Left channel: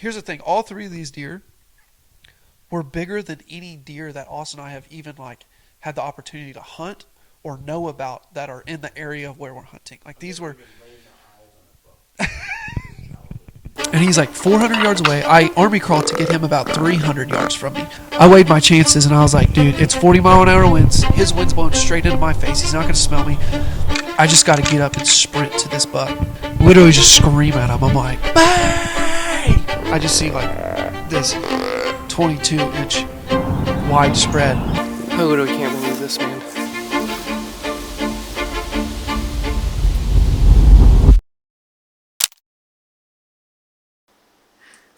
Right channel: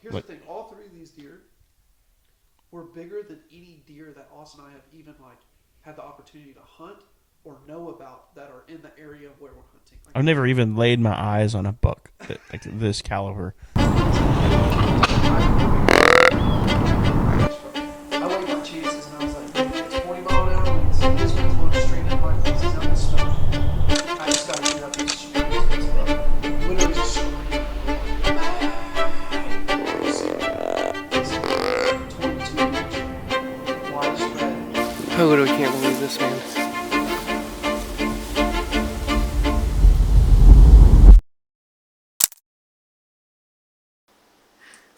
Here's the thing. All three of these deer were bigger than any deer that Austin and I have even like had the opportunity to hunt or know about that are in the area of where we're hunting. Like I've never even laid my eyes on a buck this caliber. And he's like 400 yards away. I army crawled to get him about 300 yards from me. I weighed my chances and I was like, dude, it's 40-mile-an-hour winds. His wind's blowing straight into my face. He's not going to smell me. I just got to get up and sprint to this buck. Literally just scream at him. I'm like, bang! I just see like this 22-inch wide spread. I literally can't believe this, man.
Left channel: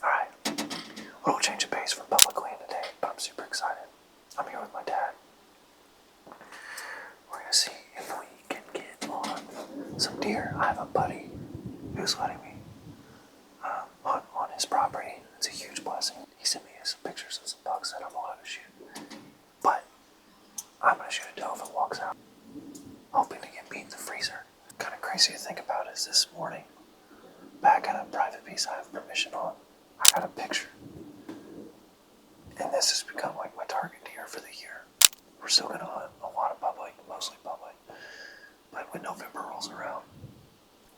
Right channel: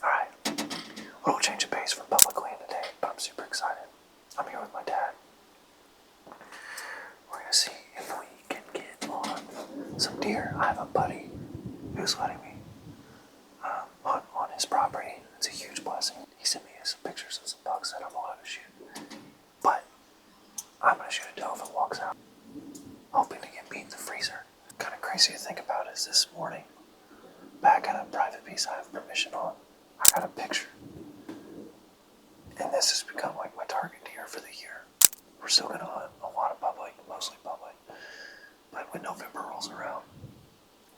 Alright, little change of pace from public land today, but I'm super excited. I'm here with my dad. We're gonna see if we can get on some deer. I have a buddy who's letting me hunt on his property. It's a huge blessing. He sent me some pictures of some bucks that I'm allowed to shoot. But I'm gonna shoot a doe if it walks out, hoping to get beat in the freezer. Kind of crazy to think about is this morning, back at a private piece I have permission on, I got a picture. And this has become like my target deer for the year. We're still gonna hunt a lot of public, mostly public. But when November rolls around,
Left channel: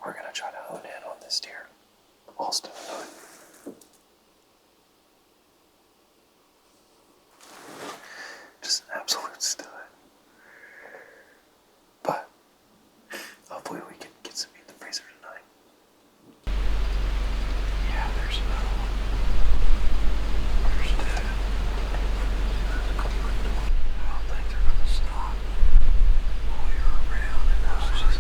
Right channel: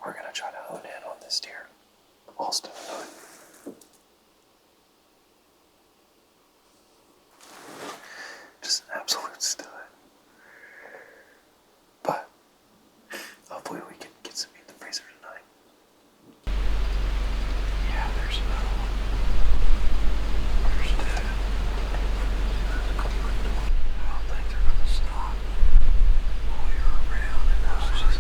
we're gonna try to hone in on this deer. Austin and I. Just an absolute stud. But hopefully we can get some meat in the freezer tonight. Yeah, there's another one. There's two. I don't think they're gonna stop while you're around and those just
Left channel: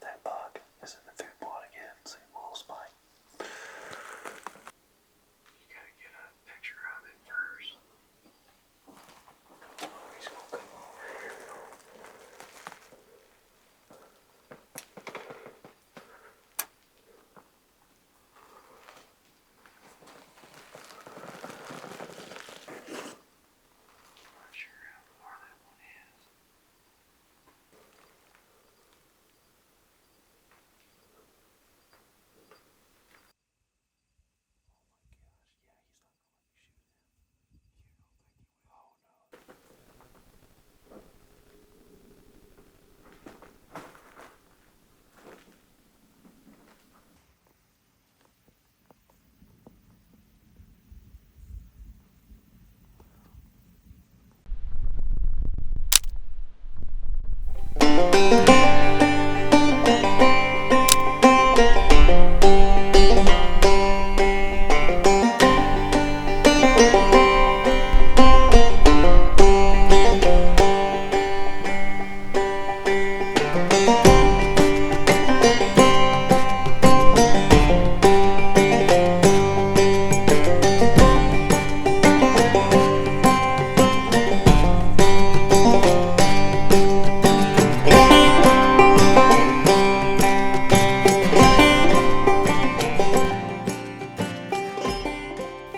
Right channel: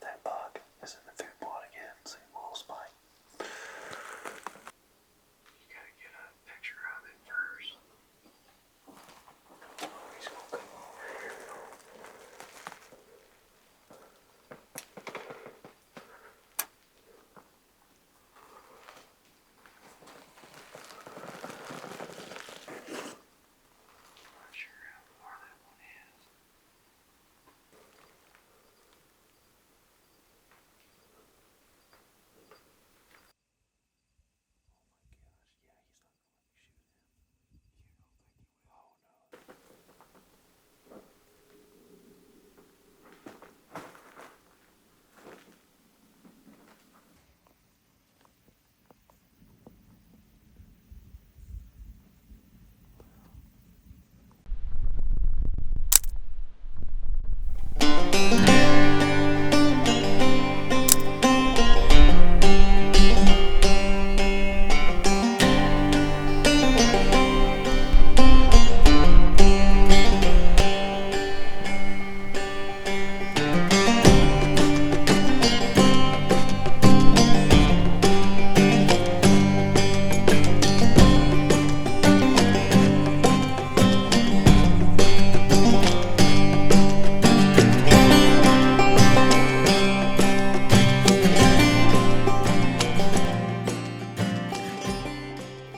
that bug is in the food plot again. See, little spike. You gotta get a picture of it first. He's gonna come over here. Not sure how far that one is.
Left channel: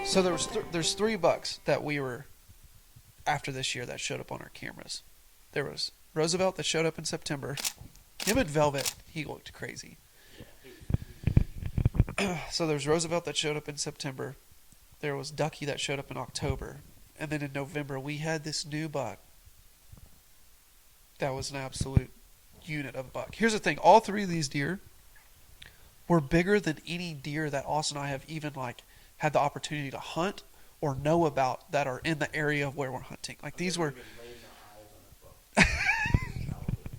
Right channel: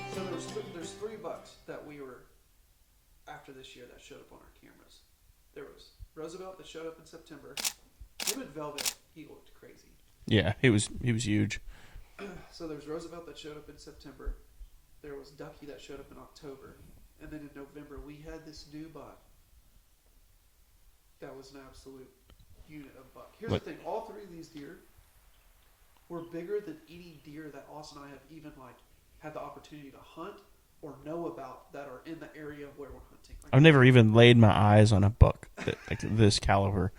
So there's three bucks that we were after this year that showed up on our cameras. There was Roosevelt that showed up in September. Him and Velvet, he looked crazy. Yeah, he was huge. So there's Roosevelt that showed up in September. There was Ducky that showed up in October. And then in November, we had this new buck that was an absolute unit of a buck. Here's the thing. All three of these deer were bigger than any deer that Austin and I have even like had the opportunity to hunt or know about that are in the area of where we're hunting. Like I've never even laid my eyes on a buck this caliber.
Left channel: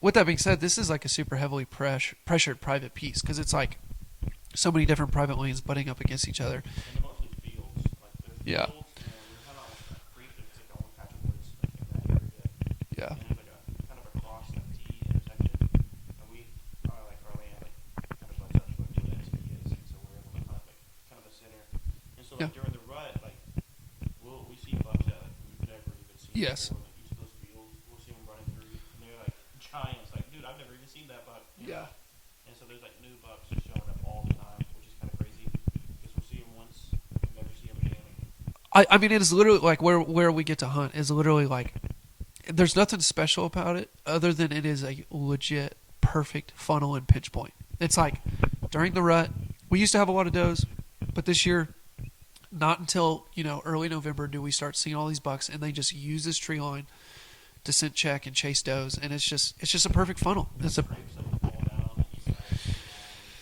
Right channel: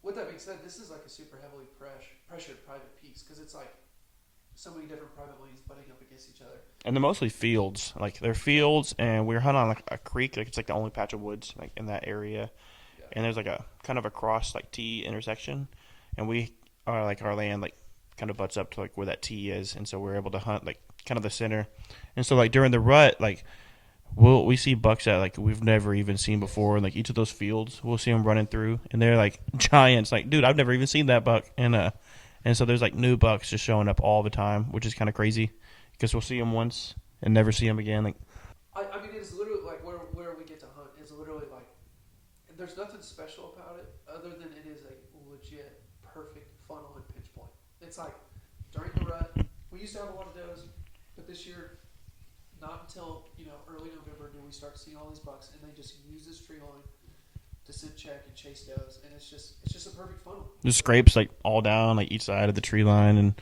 With that being said, this is like a super heavily pressured private piece because it's like so many different private lanes butting up against each other. And they're mostly fields. Like they're fields, and we're hunting on like a creek. Like it's like the only patch of woods like in that area. Yeah. and there's like a kind of a cross like T intersection, and we are like our land like kind of butts up to like where that T is, and so we're able to hunt like kind of the center, and so like during the rut like we see bucks that like we've never even seen Yes. before in like each of those fields. We'll see them running through, and they're like giants. Like, dude, I've never even seen that buck, and so there's like new bucks just showing up all the time, which is kind of crazy because we'll see them once and never see them again. Like, I mean, it is literally like where we get to hunt is literally like there's nothing special about it other than it is a legit perfect funnel and pinch point. It's like during the rut, we used to have a lot of does, but this year, not until early November do we start seeing all these bucks, and they just use this tree line to scent check and chase does, and it's just a perfect funnel. the scrapes like all down like each side of the tree line, and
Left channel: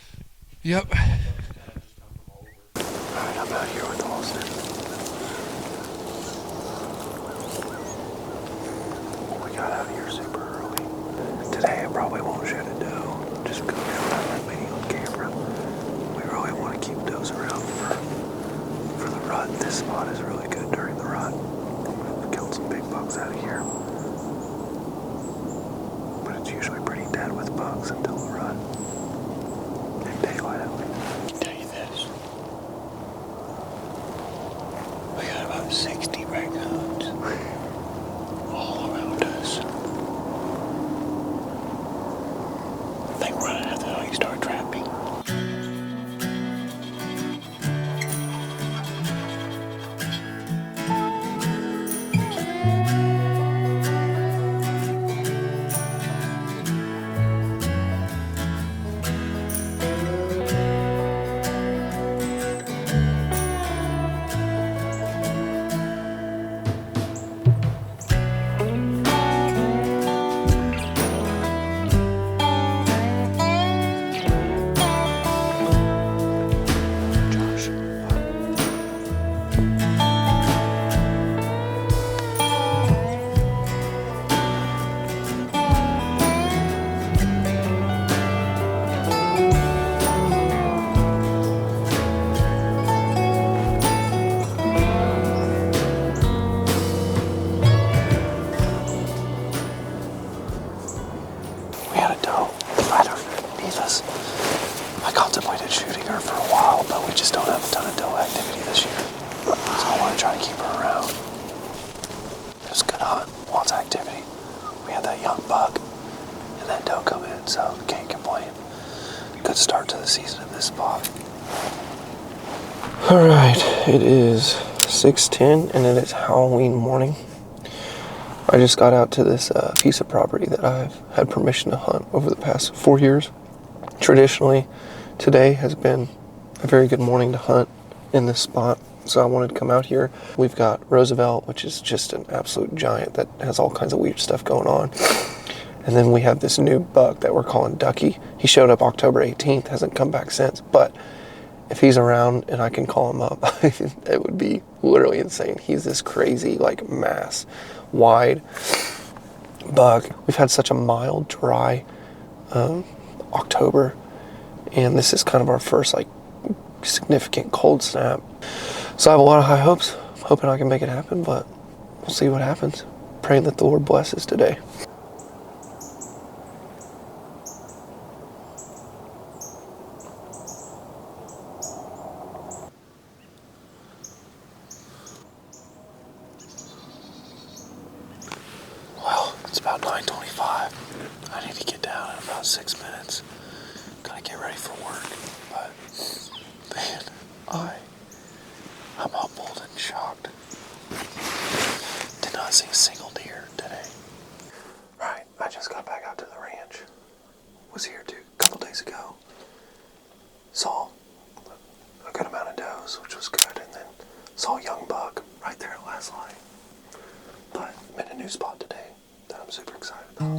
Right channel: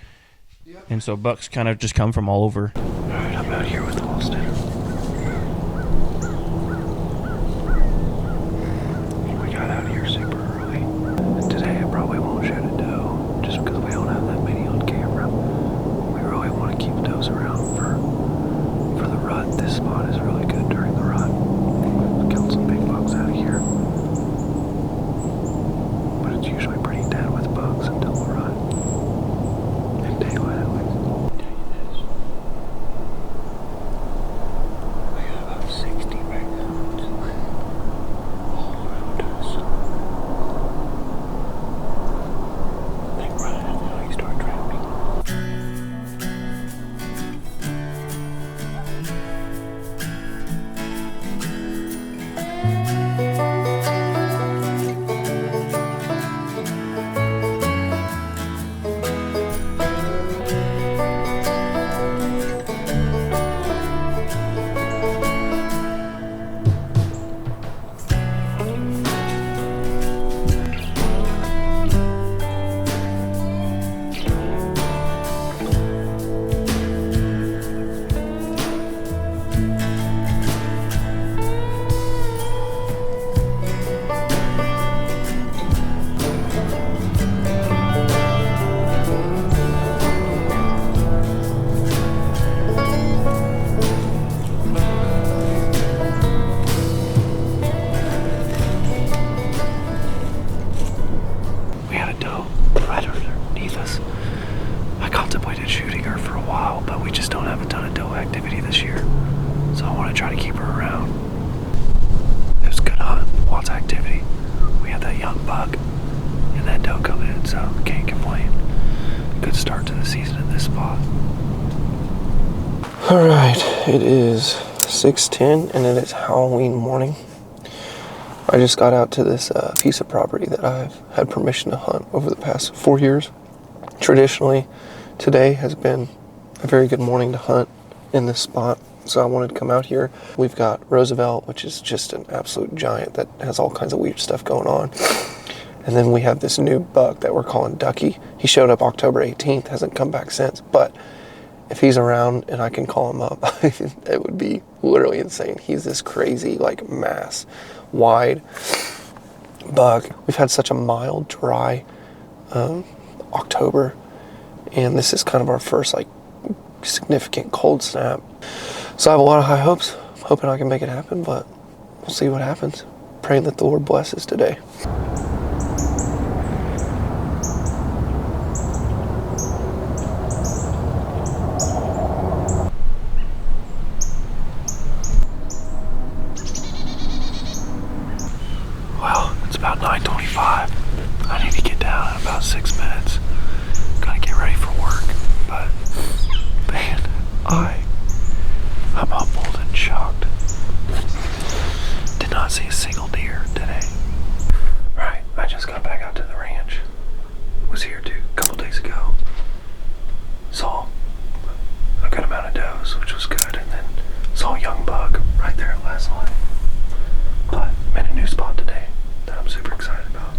Yep. and so bucks kind of just come from all over. All right, I'm out here with Austin. We got out here super early. Today I probably won't shoot a doe just because we don't have that many on camera. We really want to keep does around for the rut. This spot is really good during the rut. We killed some big bucks out here. But it's usually pretty dead with bucks until the rut. And daylight. Tell you this. We got about 60 raccoons all around us. I think we're gonna have to help you start trapping. We had a doe right underneath us. I contemplated shooting her for a while, but we just don't have a ton of doe activity this year. So I want to try to keep her around. It was good hunt, lots of activity. We had that young buck and that doe come in, so can't complain. Good start to the season at this spot. Alright, it is 6:10 and it is Halloween morning. I just got out to this piece of property that I've had permission to hunt over the past 4 years. Traditionally, today has been a very good morning to hunt in this spot, so I wanted to come out here. We've got Roosevelt, which is just an absolute giant that has all kinds of weird stuff going on. And then we have this new buck that we're calling Ducky. He showed up October 18th, hasn't come back since, but if he's around and I can call him up, it would be literally insane. He's this crazy, like, mass, wide buck. We've had such a mild, dry October, and this is kind of our first, like, significant cold snap. So I have a lot of high hopes. I'm hoping I can make it happen, but we'll see what happens. Praying that the Lord blesses today. Well, it's about 9:25. I need to get down in about 6 minutes. Gotta get ready for work. But, man, I'm humbled and shocked. Did not see a single deer today. Right, I just got back out to the ranch. Was here a couple days ago. Saw a good amount of does, which was good, and then saw a young buck right there at last light. But I'm in a new spot today that I'm super excited about.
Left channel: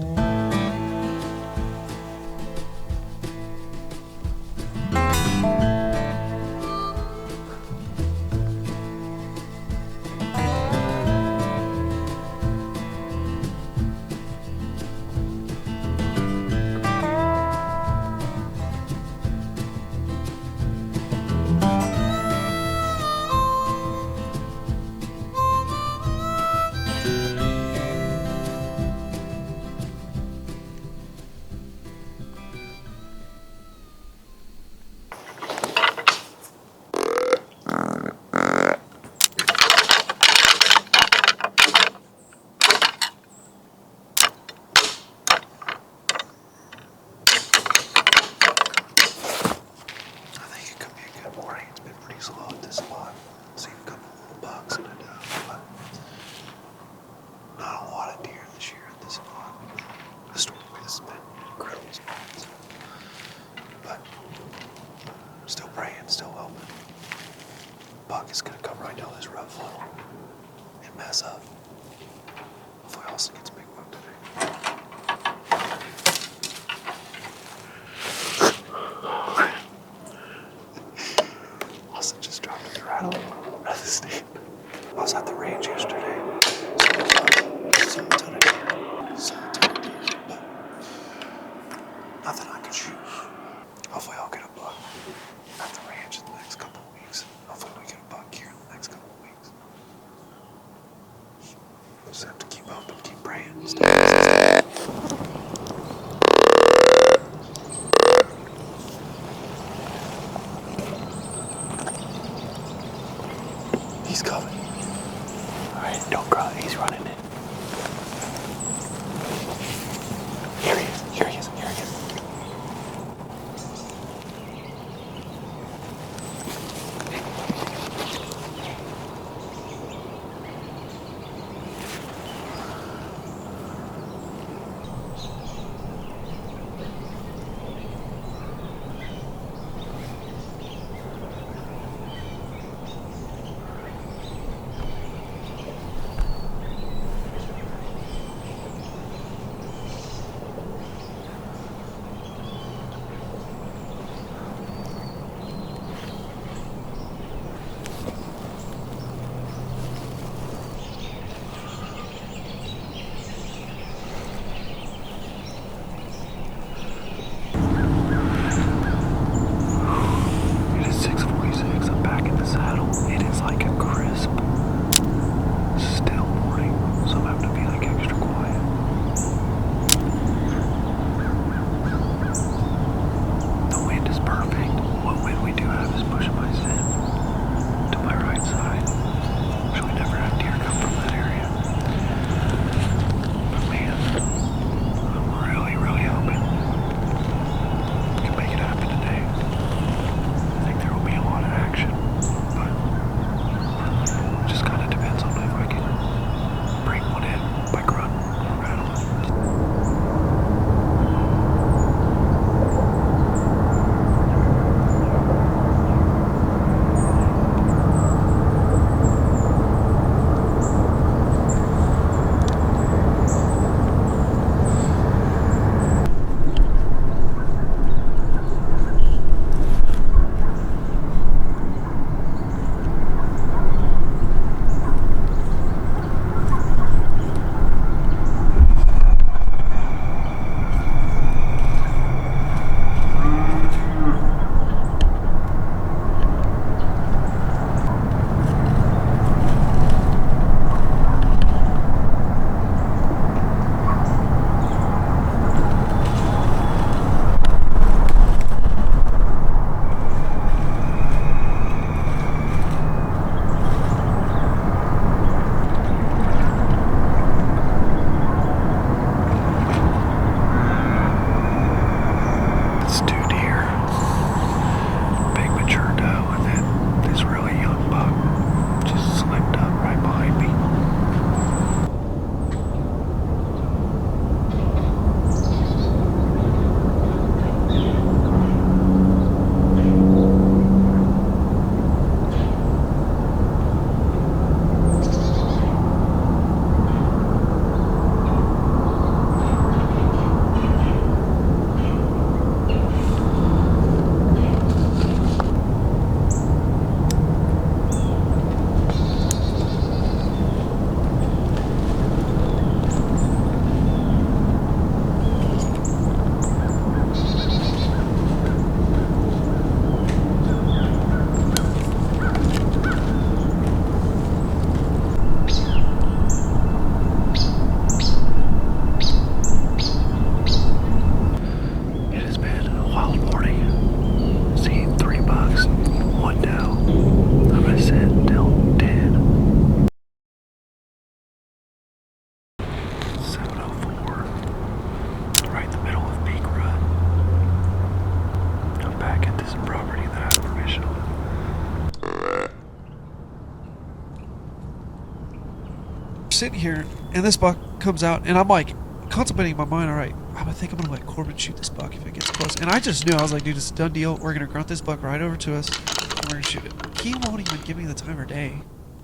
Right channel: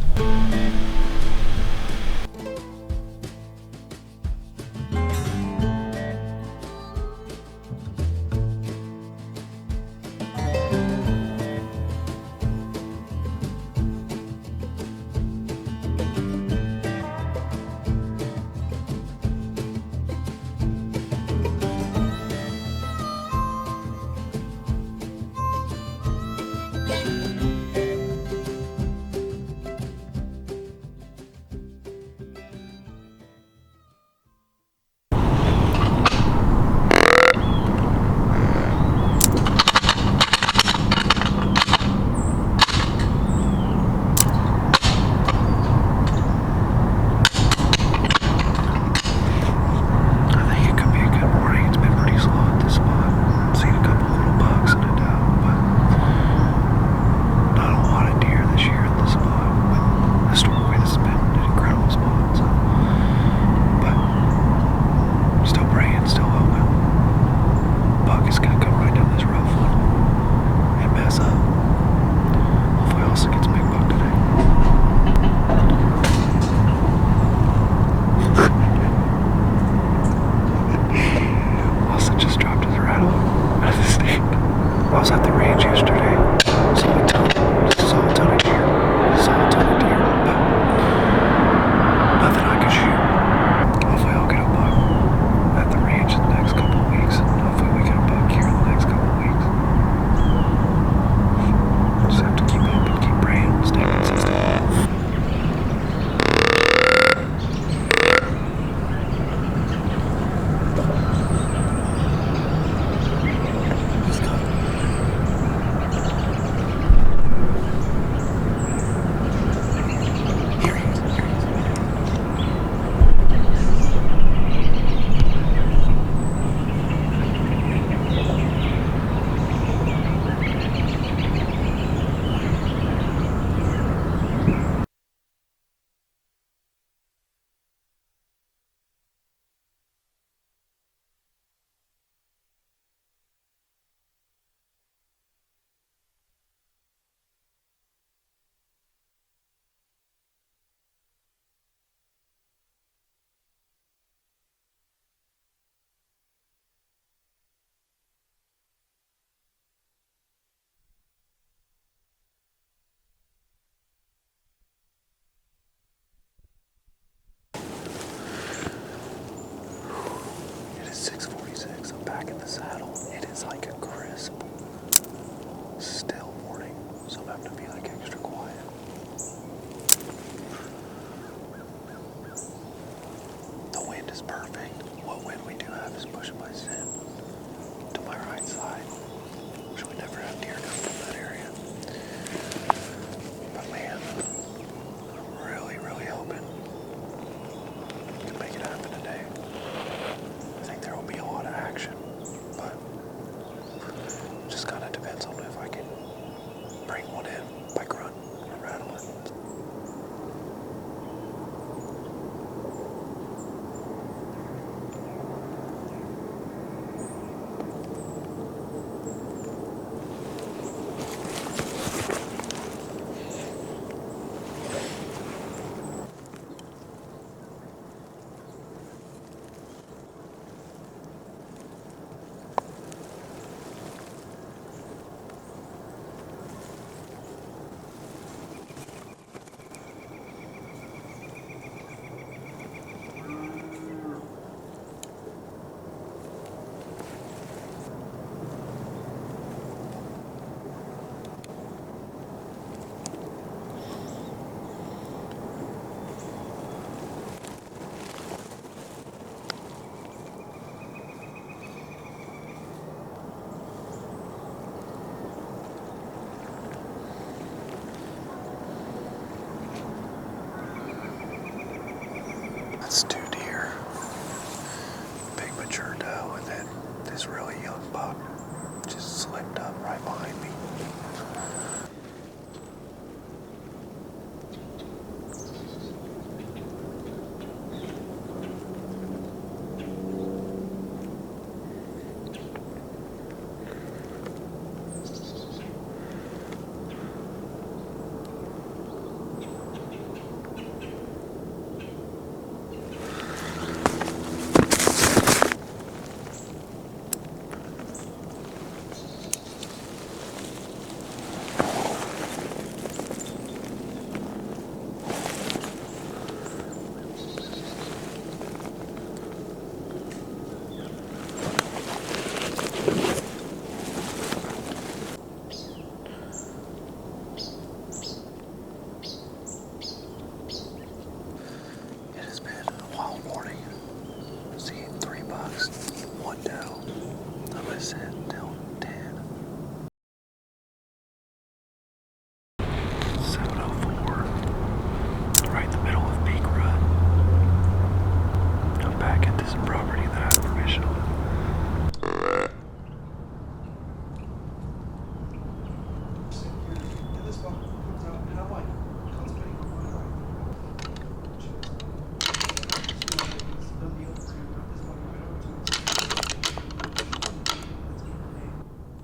sitting here, and this buck comes out, and I'm like contemplating in my mind, all right, I would think I'm gonna let Corbin shoot this buck if I get too close. And I just knew, I was like, dude, it's a done deal. We're gonna grunt this buck right over to us. We're gonna shoot it. He won't even give me the time of day.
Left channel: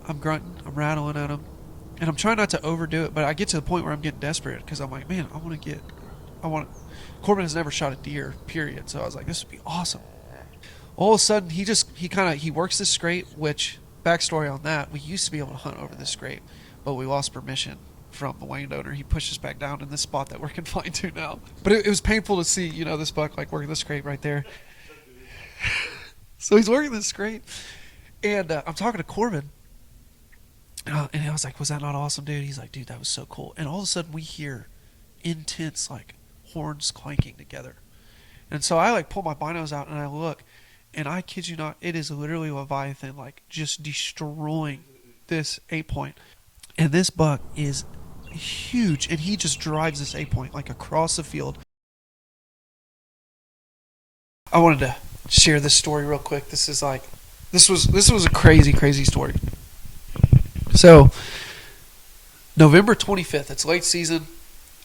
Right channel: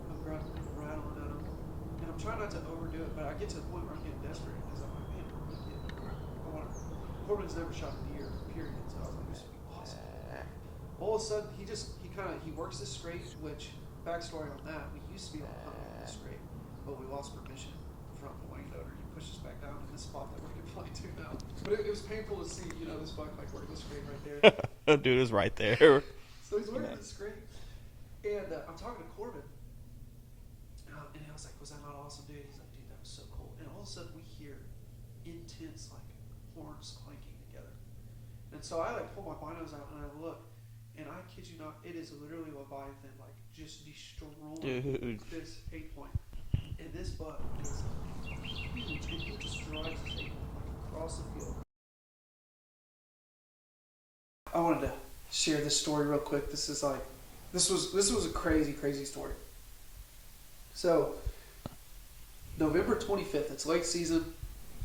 I'm grunting, I'm rattling at him, and I'm trying not to overdo it, but I get to the point where I'm getting desperate because I'm like, man, Corbin has never shot a deer, period. So I was like, this would be awesome. All of a sudden, he works this scrape, which, backstory on that, we used to be able to hunt over this scrape, but we lost permission from the landowner. He pushed us back down in this spot that we're confined to now. But it was painful to see, this buck like working the scrape right there. Dude is right there. So he's working this scrape, and I'm talking to Corbin, and I was like, was that not awesome, dude? He's like, dude, that was so cool. And all of a sudden, we hear intense, like, horns clanking together. And so I, like, pull my binos out, and I look, and I kid you not, it is literally Leviathan, like, just destroying this 8-point. And this buck is huge, and he just drives this 8-point, like, across the field. I wanted to share this story real quick. This was a crazy story. So, November 25th, it's late season.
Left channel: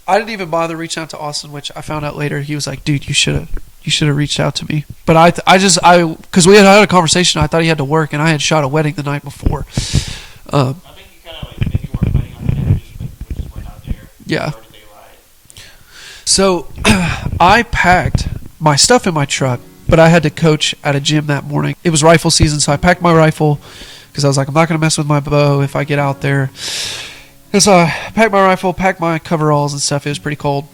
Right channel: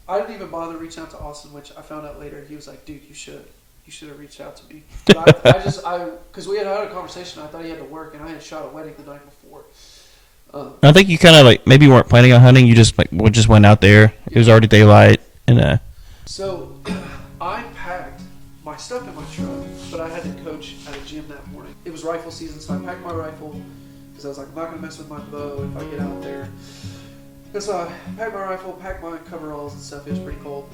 I didn't even bother reaching out to Austin, which I found out later. He was like, dude, you should have reached out to me. But because we had had a conversation, I thought he had to work, and I had shot a wedding the night before. I think you kind of like maybe you weren't planning on hunting. You just went out there. Yeah. It was already daylight, and So I packed my stuff in my truck, but I had to coach at a gym that morning. It was rifle season, so I packed my rifle because I was like, I'm not going to mess with my bow if I get out there. And so I packed my rifle, packed my coveralls and stuff. It was pretty cold.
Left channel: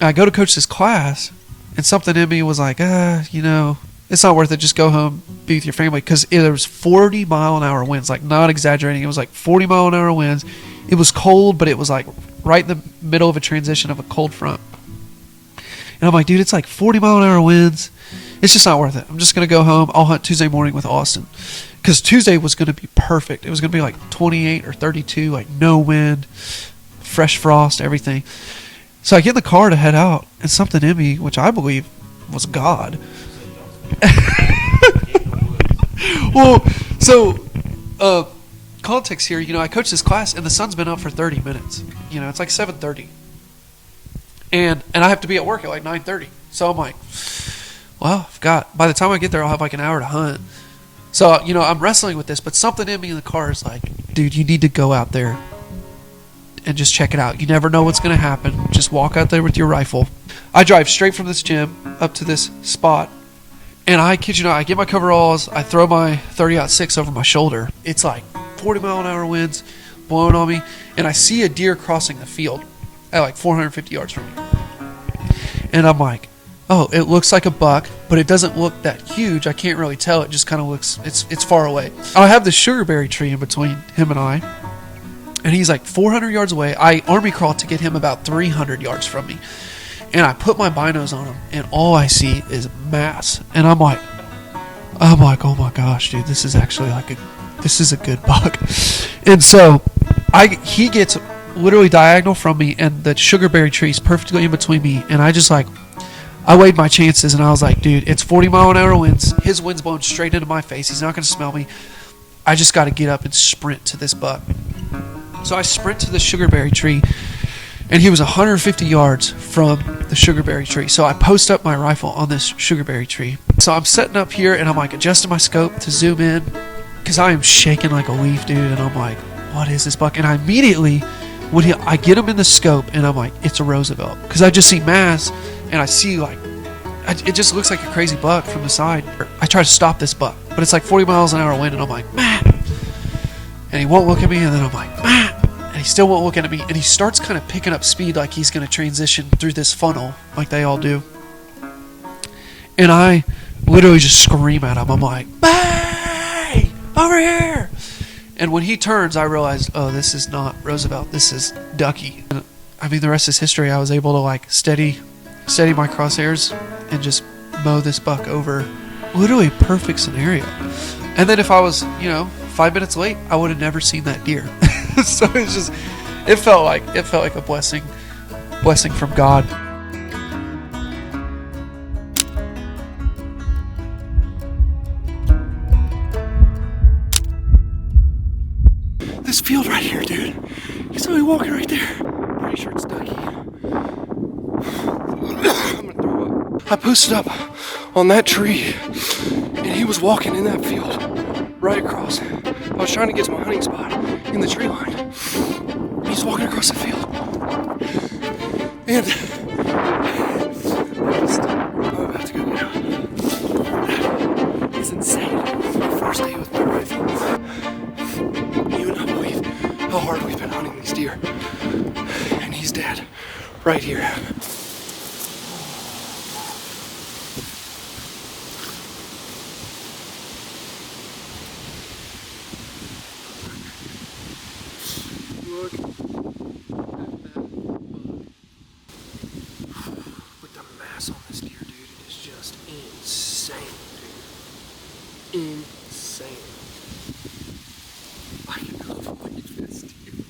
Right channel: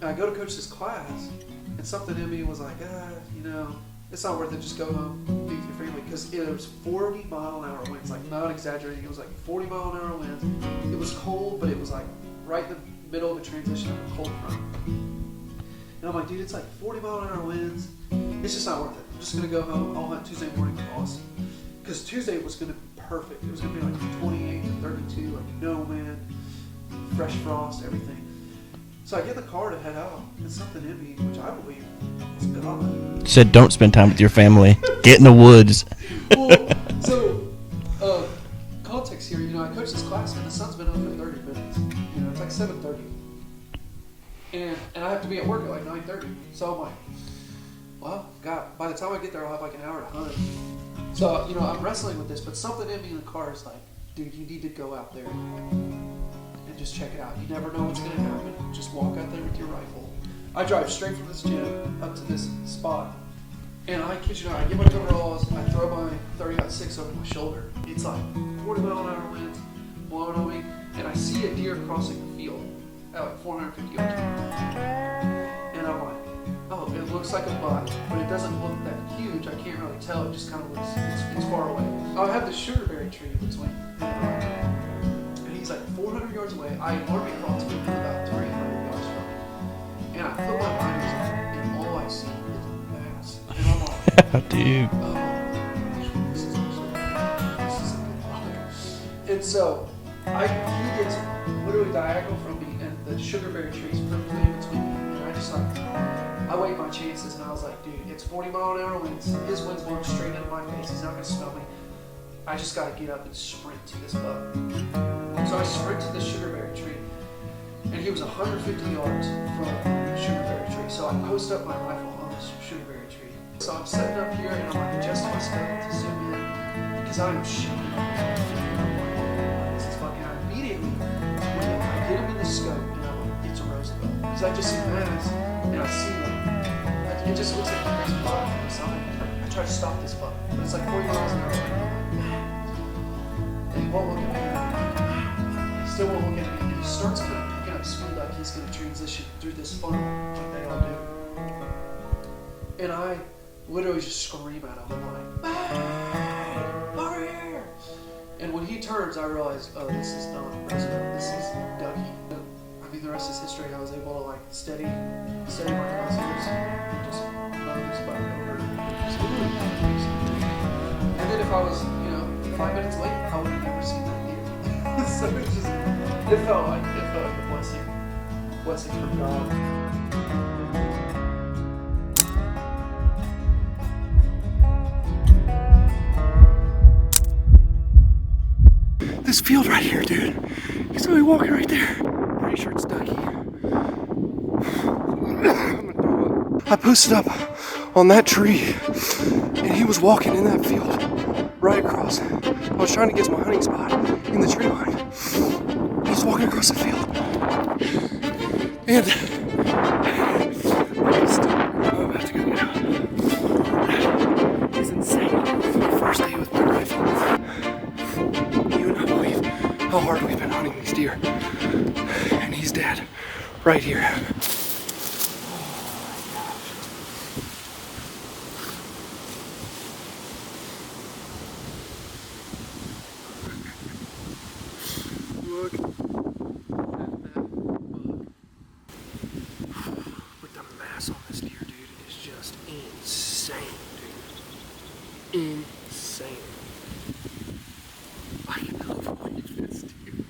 And I go to coach this class, and something in me was like, it's not worth it. Just go home, be with your family. Because there was 40-mile-an-hour winds, like not exaggerating. It was like 40-mile-an-hour winds. It was cold, but it was like right in the middle of a transition of a cold front. And I'm like, dude, it's like 40-mile-an-hour winds. It's just not worth it. I'm just going to go home. I'll hunt Tuesday morning with Austin. Because Tuesday was going to be perfect. It was going to be like 28 or 32, like no wind, fresh frost, everything. So I get in the car to head out, and something in me, which I believe was God, said, don't spend time with your family. Get in the woods. Well, so context here, I coach this class, and the sun's been up for 30 minutes. It's like 7:30. And I have to be at work at like 9:30. So I'm like, well, by the time I get there, I'll have like an hour to hunt. So, I'm wrestling with this, but something in me in the car is like, dude, you need to go out there and just check it out. You never know what's going to happen. Just walk out there with your rifle. I drive straight from this gym up to this spot, and I kid you not, I get my coveralls, I throw my 30-06 over my shoulder. It's like 40-mile-an-hour winds blowing on me, and I see a deer crossing the field at like 450 yards from me. And I'm like, oh, it looks like a buck, but it doesn't look that huge. I can't really tell. It just kind of looks, it's far away. I have this sugarberry tree in between him and I, and he's like 400 yards away. I army crawled to get him about 300 yards from me. And I put my binos on him, and all I see is mass. And I'm like, dude. I'm like, oh my gosh, dude, this is actually this is a good buck. And so he gets literally diagonal from me, and the sugarberry tree is perfectly in between me. And I weighed my chances, and I was like, dude, it's 40-mile-an-hour winds. His wind's blowing straight into my face. He's not going to smell me. I just got to get up and sprint to this buck. So I sprint to the sugarberry tree, and he was 150 yards from the sugarberry tree. So I post up my rifle on this sugarberry tree. So I'm setting up here, and I'm like adjusting my scope to zoom in because I am shaking like a leaf, dude. And I'm like, what is this buck? And I immediately, I get him in the scope, and I'm like, it's a Roosevelt. Because I just see mass, and I see it just looks like a crazy buck from the side. I try to stop this buck, but it's like 40 miles an hour wind, and I'm like, Matt. And he won't look at me, and then I'm like, Matt. And he still won't look at me, and he starts kind of picking up speed like he's going to transition through this funnel like they all do. And I literally just scream at him. I'm like, hey, over here. And when he turns, I realized, oh, this is not Roosevelt. This is Ducky. And, the rest is history. I was able to steady my crosshairs and just mow this buck over. Literally perfect scenario. And then if I was, 5 minutes late, I would have never seen that deer. So it felt like a blessing from God. This field right here, dude, saw me walking right there. Pretty sure it's Ducky. I'm gonna throw up. I posted up on that tree, and he was walking in that field right across. I was trying to get to my hunting spot in the tree line. He's walking across the field. And I'm about to go get out. It's insane. It's my first day with my rifle. You would not believe how hard we've been hunting these deer. And he's dead. Right here. Look at that bug. With the mass on this deer, dude, it is just insane, dude. Insane. I cannot believe this, dude.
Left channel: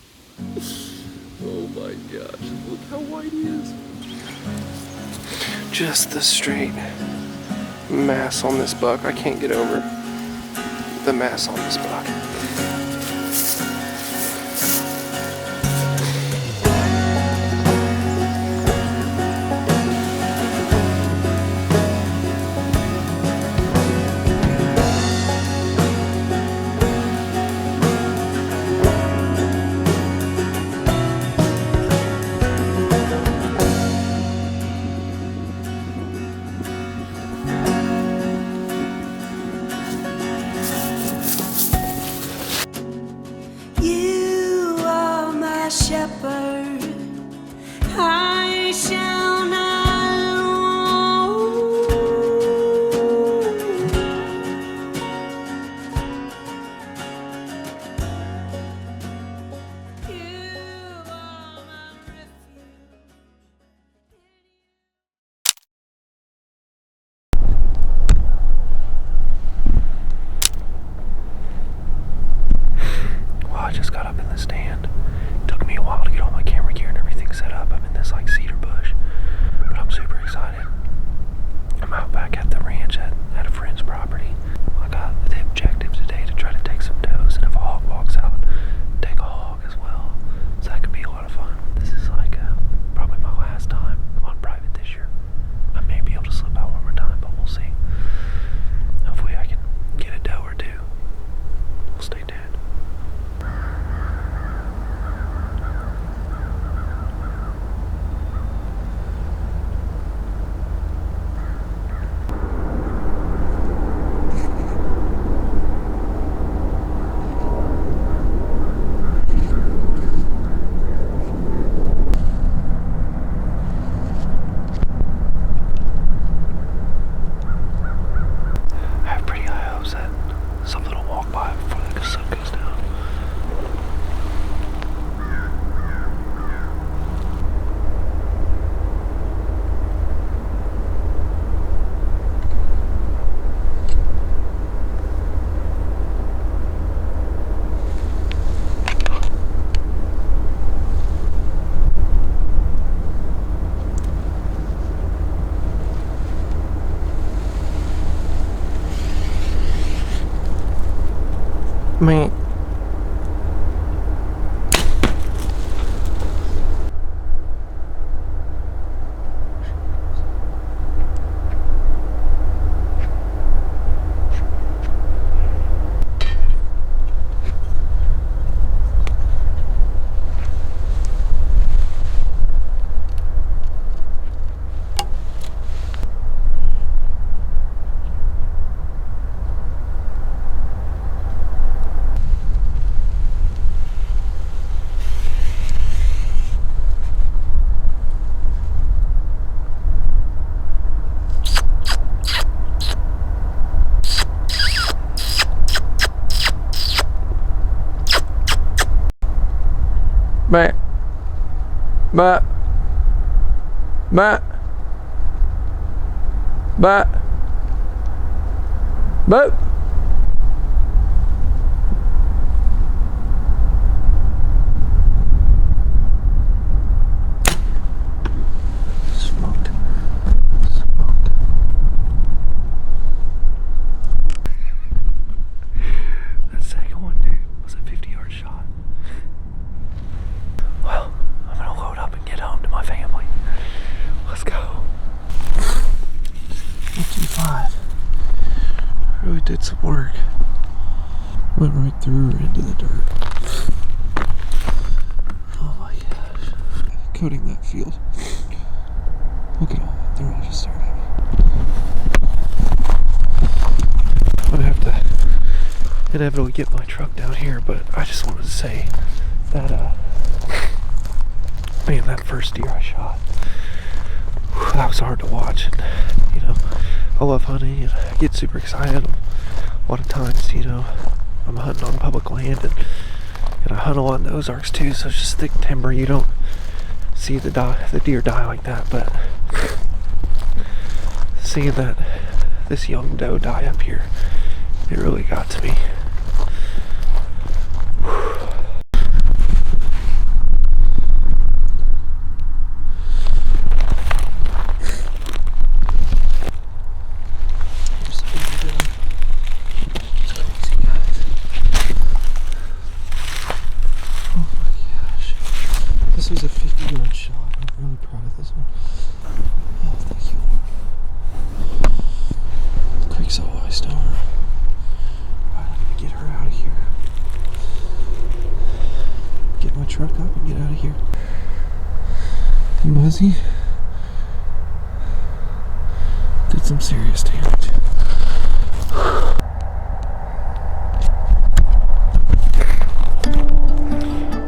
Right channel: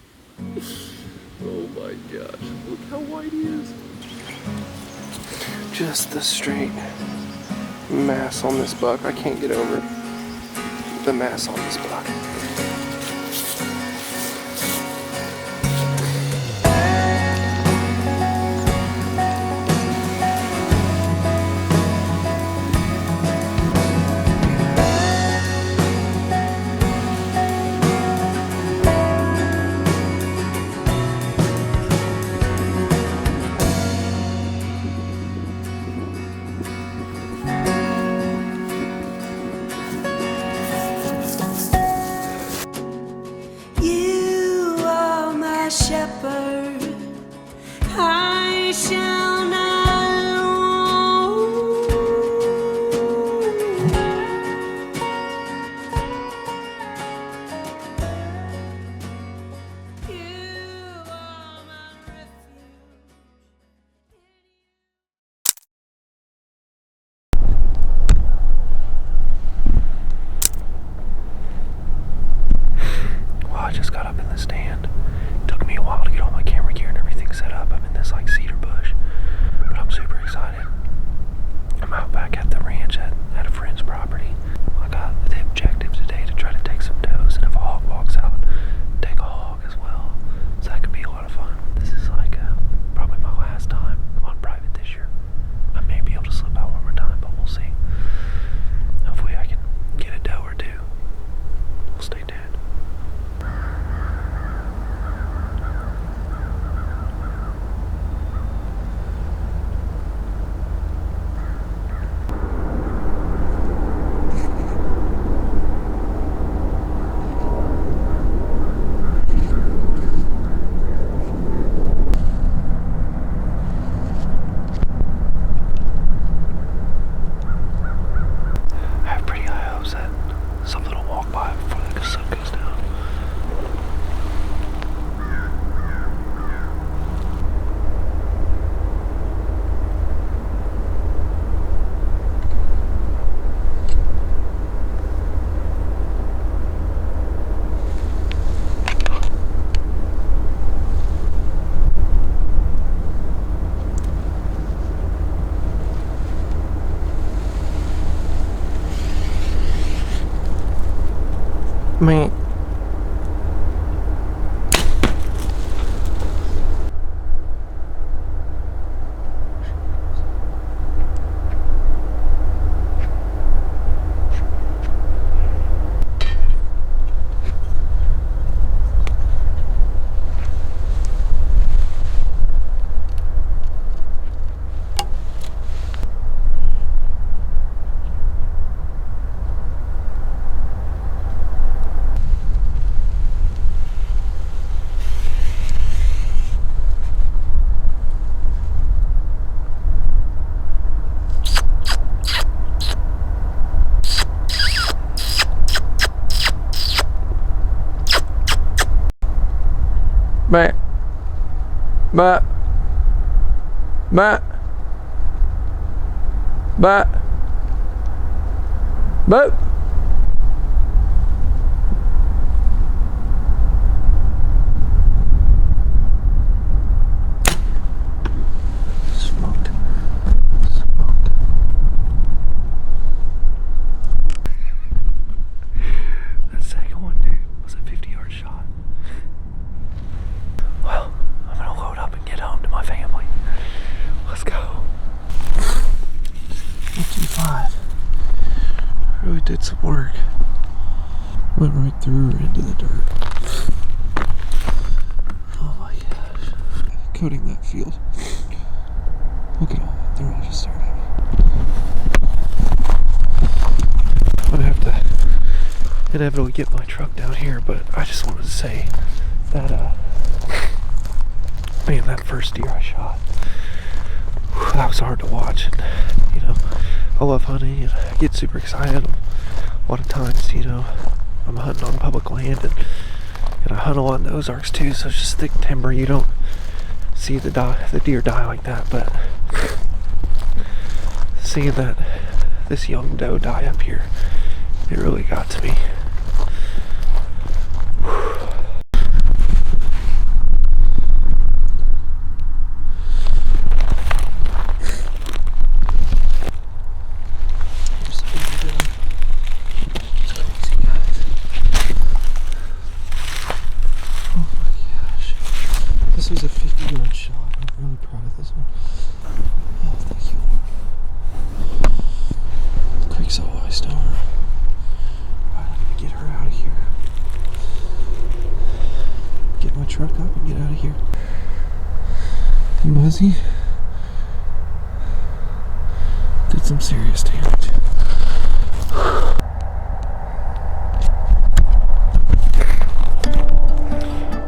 Oh my gosh, look how white he is. Just the straight mass on this buck. I can't get over the mass on this buck. You are my shepherd, I shall not want. You are my refuge. Well, I just got up in the stand. Took me a while to get all my camera gear and everything set up. I'm in this like cedar bush, but I'm super excited. I'm out back at the ranch at a friend's property. I got the objective today to try to take some does, and if a hog walks out, take a hog as well. So that could be a lot of fun. This is like probably my last time on private this year. I may be able to slip out one more time, but we'll see. Hopefully I can get a doe or two. We'll stay tuned. I have pretty high hopes that something will walk by before the sun goes down. Man. But but Smoked. That second one, dude, was a 50-yard shot. really did some work. Went right through her into the dirt. Oh my gosh. Coating that field. Look at all that. They're all just staring at me. I'm gonna have to inevitably get my truck down here, but I just wanted to say that, man, that first deer I shot, that was hard to watch. And, you know, I love hunting and I get super excited. A lot of times, you know, I'm hunting on public land and I hunt a lot in the Ozarks too, so it's just thick timber. You don't see the deer die like that, but seeing that this young doe die up here, it really got to me. This was a 50-yard shot. I'm really proud of this one. Oh, thank you, Lord. The creek's all iced over. Alright, I'm gonna get her out of here. Get my truck up and get out of here. Muzzy did some serious damage.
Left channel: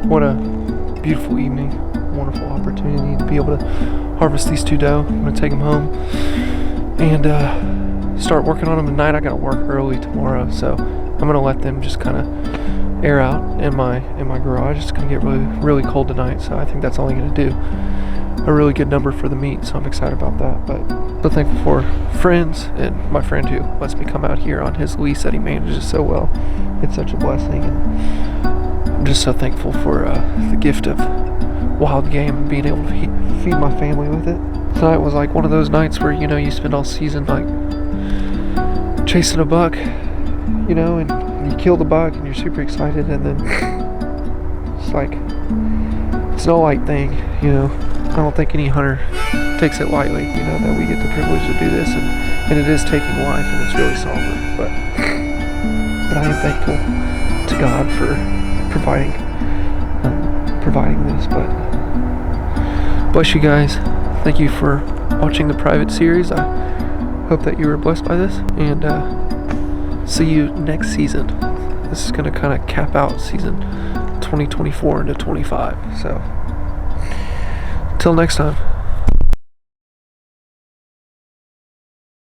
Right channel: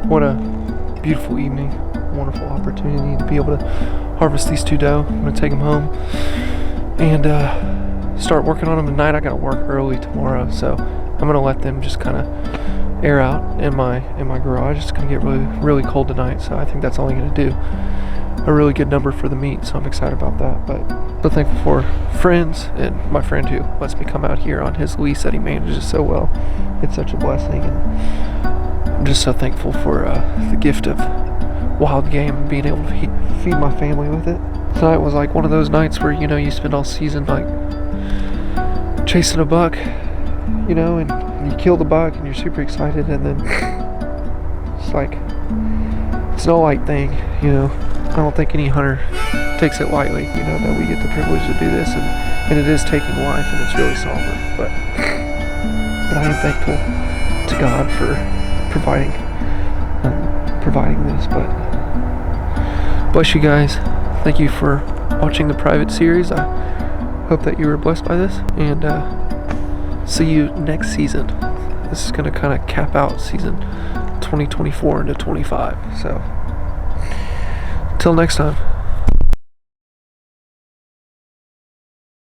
What a beautiful evening, wonderful opportunity to be able to harvest these 2 doe. I'm gonna take them home and start working on them tonight. I gotta work early tomorrow, so I'm gonna let them just kind of air out in my garage. It's gonna get really cold tonight, so I think that's only gonna do a really good number for the meat, so I'm excited about that. But so thankful for friends and my friend who lets me come out here on his lease that he manages so well. It's such a blessing, and I'm just so thankful for the gift of wild game and being able to feed my family with it. Tonight was like one of those nights where, you know, you spend all season like chasing a buck, you know, and you kill the buck and you're super excited, and then it's like, it's no light thing, you know. I don't think any hunter takes it lightly, you know, that we get the privilege to do this, and it is taking life, and it's really somber, but I am thankful to God for providing this. But bless you guys. Thank you for watching the private series. I hope that you were blessed by this, and see you next season. This is going to kind of cap out season 2024 into 25. So, till next time.